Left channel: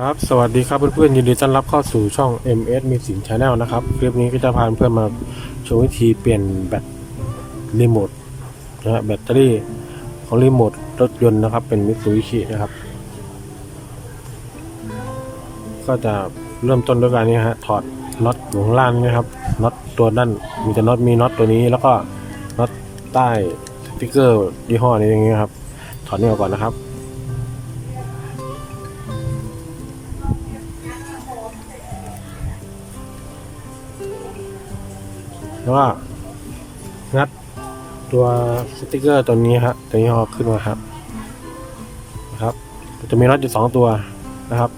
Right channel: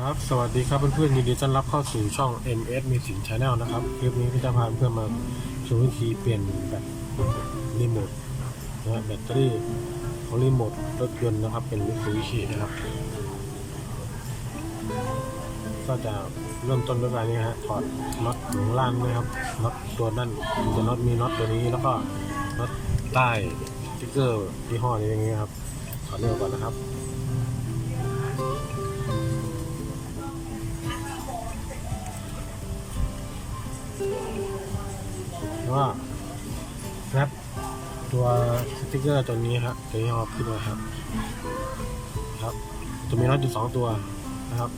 ครับสวัสดีครับเพื่อนๆยินดีต้อนรับเข้าสู่ช่อง MS มีสิน Channel นะครับคลิปนี้ก็จะพาเพื่อนมาชมวิธีเปลี่ยนแบตรีโมทนะฮะแบตเตอรี่ของรีโมทรถยนต์นะครับ เป็นมิตซูบิชินะครับ ก็จะเริ่มต้นด้วยการนี้ฮะถอดน็อตอยู่ข้างล่างนะครับน็อตตัวด้านมันจะน็อตมีน็อตตัวนี้ แล้วก็น็อตใต้สติ๊กเกอร์ยี่ห้อนี้อย่างนี้ครับถอดนี่ออกก่อนนะครับ แล้วก็งัดตัวสติกเกอร์ตัวนี้ครับตัวนี้เอาขึ้นมาครับ นะครับ จะมีน็อตอยู่สองตัวนะครับ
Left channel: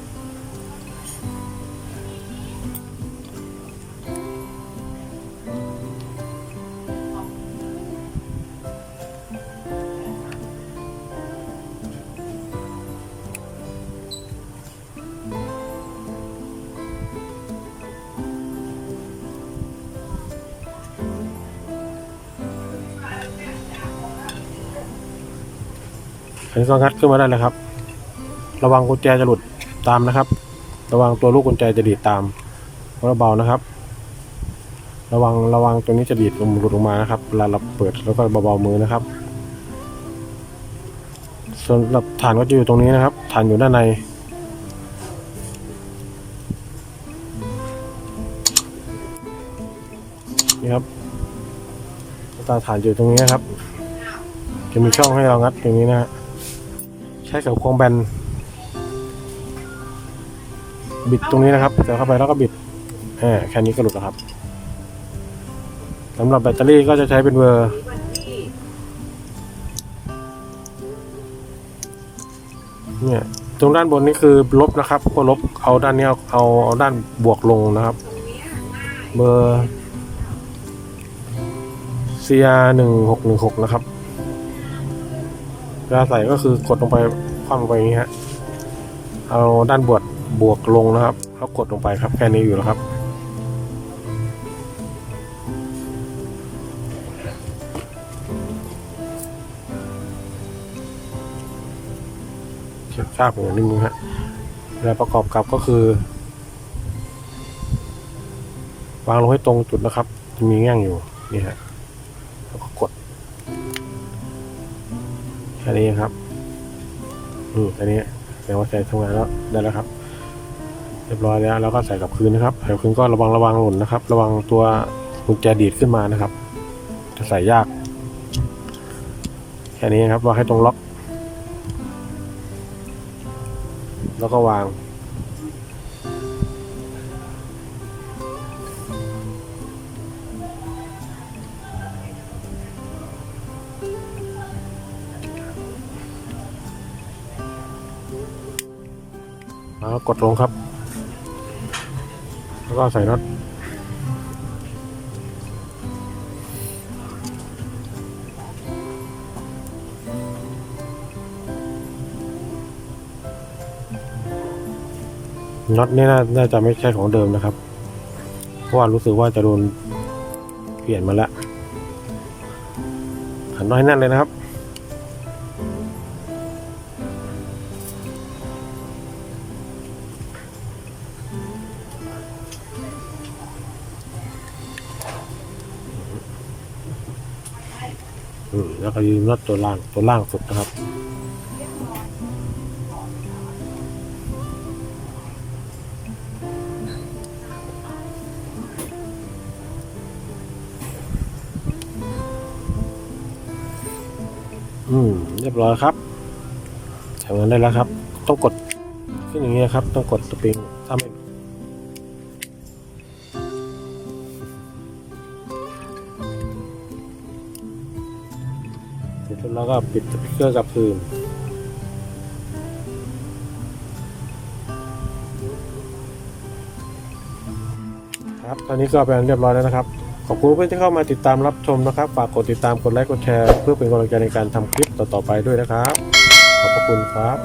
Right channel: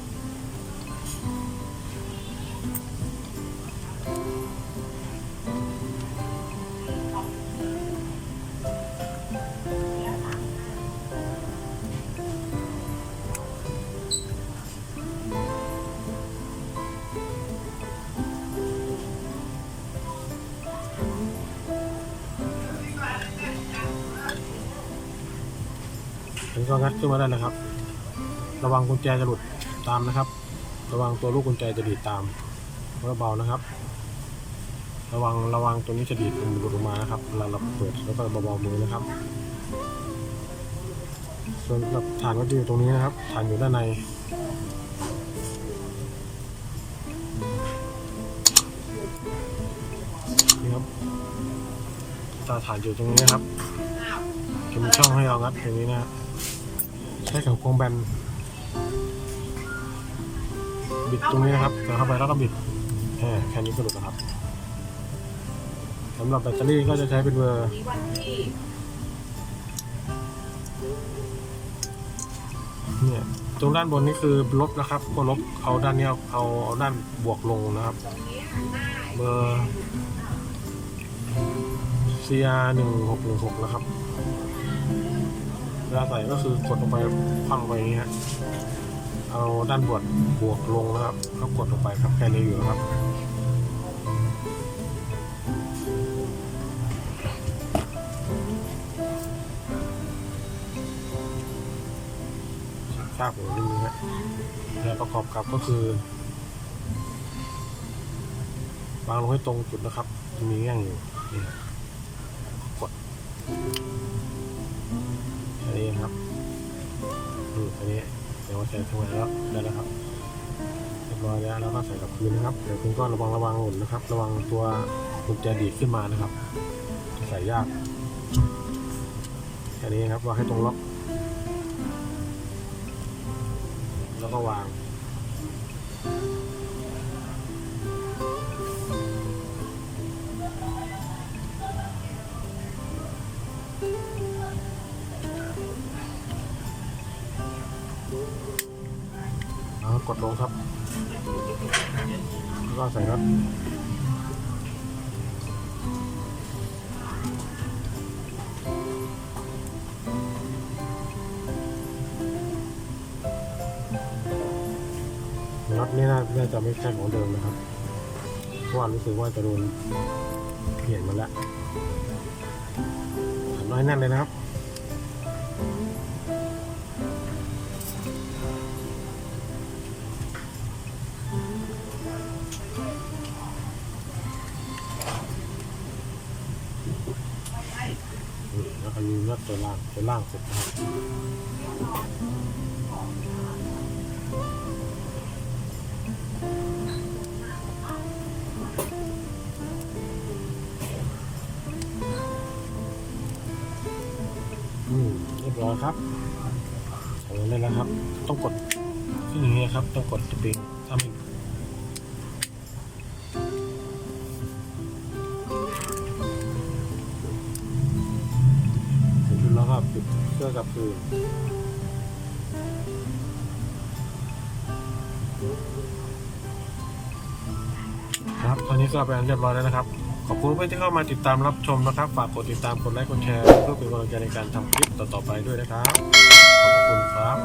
อันนี้ก็งัดขึ้นมาได้เลยครับ ระวังกุญแจจะหลุดตามนะครับ ระวังตัวลูกกุญแจจะดีดตามเพราะเบานะครับ ระวังระวังตัวนี้จะดีดลงหลุดออกมานะครับเวลาเราเปิดแล้วก็เบาๆมือนะครับ ส่วนหรับฐานก็จะอยู่ตรงนี้นะครับ ฐานอยู่ด้านในนี่ครับตาฐานอยู่ตรงนี้นะครับ จะมีช่องให้เรางัดตรงนี้นะฮะ ช้กับควงแบน บิดตรงนี้นะครับเดี๋ยวเข้าไปแล้วก็บิดแค่แค่นี้ก็หลุดแล้วครับสำหรับแบตเตอรี่ก็จะใช้เป็นเบอร์เนี่ยตรงด้านบนนี่คือลบนะครับก็ลบเอาด้านนี้เอาเอาเอาด้านบวกลงนะครับ เบอร์ CR หนึ่งหกหนึ่งหกนะครับ เวลาใส่ก็คือกดลงไปคว่ำลงไปอย่างนี้ฮะเอาด้านบวกบวกลงนะครับแล้วกดลงไปครับแค่นี้อยู่แล้วครับเช็คค่าหัวนิดนึงฮะแล้วประกอบกับก็คือ วางลงให้ตรงจุดนะครับ จะมีแง่งอยู่นี่ฮะแล้วก็กด อันนี้ครับนี่อันนี้แสดงว่าใส่ทำงานแล้วได้แล้วครับเรียบร้อยแล้วเราก็ใส่กับคืนนะครับใส่กลับคืนก็ระวังระวังหล่นนะครับ ระวังตัวกุญแจดีดขึ้นมานะครับ จะใส่ยากแค่นี้ครับวางให้ตรงล็อก แล้วก็วาง แล้วกดลงครับ แล้วก็ใส่น็อตน็อตนี่น่าจะไม่ใช่ของเดิมนะครับ เพราะว่ารู้สึกว่าจะโดนเปลี่ยนมาแล้วหันน้อยแน่นเลยนะครับ อืมแล้วก็ยืนน็อตตัวล่างตัวล่างสุดนะครับอืมเรียบร้อยครับทำงานได้แล้วครับ ต้องกดขึ้นอย่างนี้ครับ ต้องกดสปริงถ้าไม่ แล้วก็ปิดสปีกเกอร์กับคืนครับตอนนี้ก็เป็นอันเรียบร้อยแล้วนะครับ ขอบคุณเพื่อนที่เข้ามาติดตามรับชมนะครับ ฝากกดติดตามกดไลค์กดแชร์ เพื่อเป็นกำลังใจในการทำคลิปต่อๆไปด้วยนะครับ ขอบคุณครับ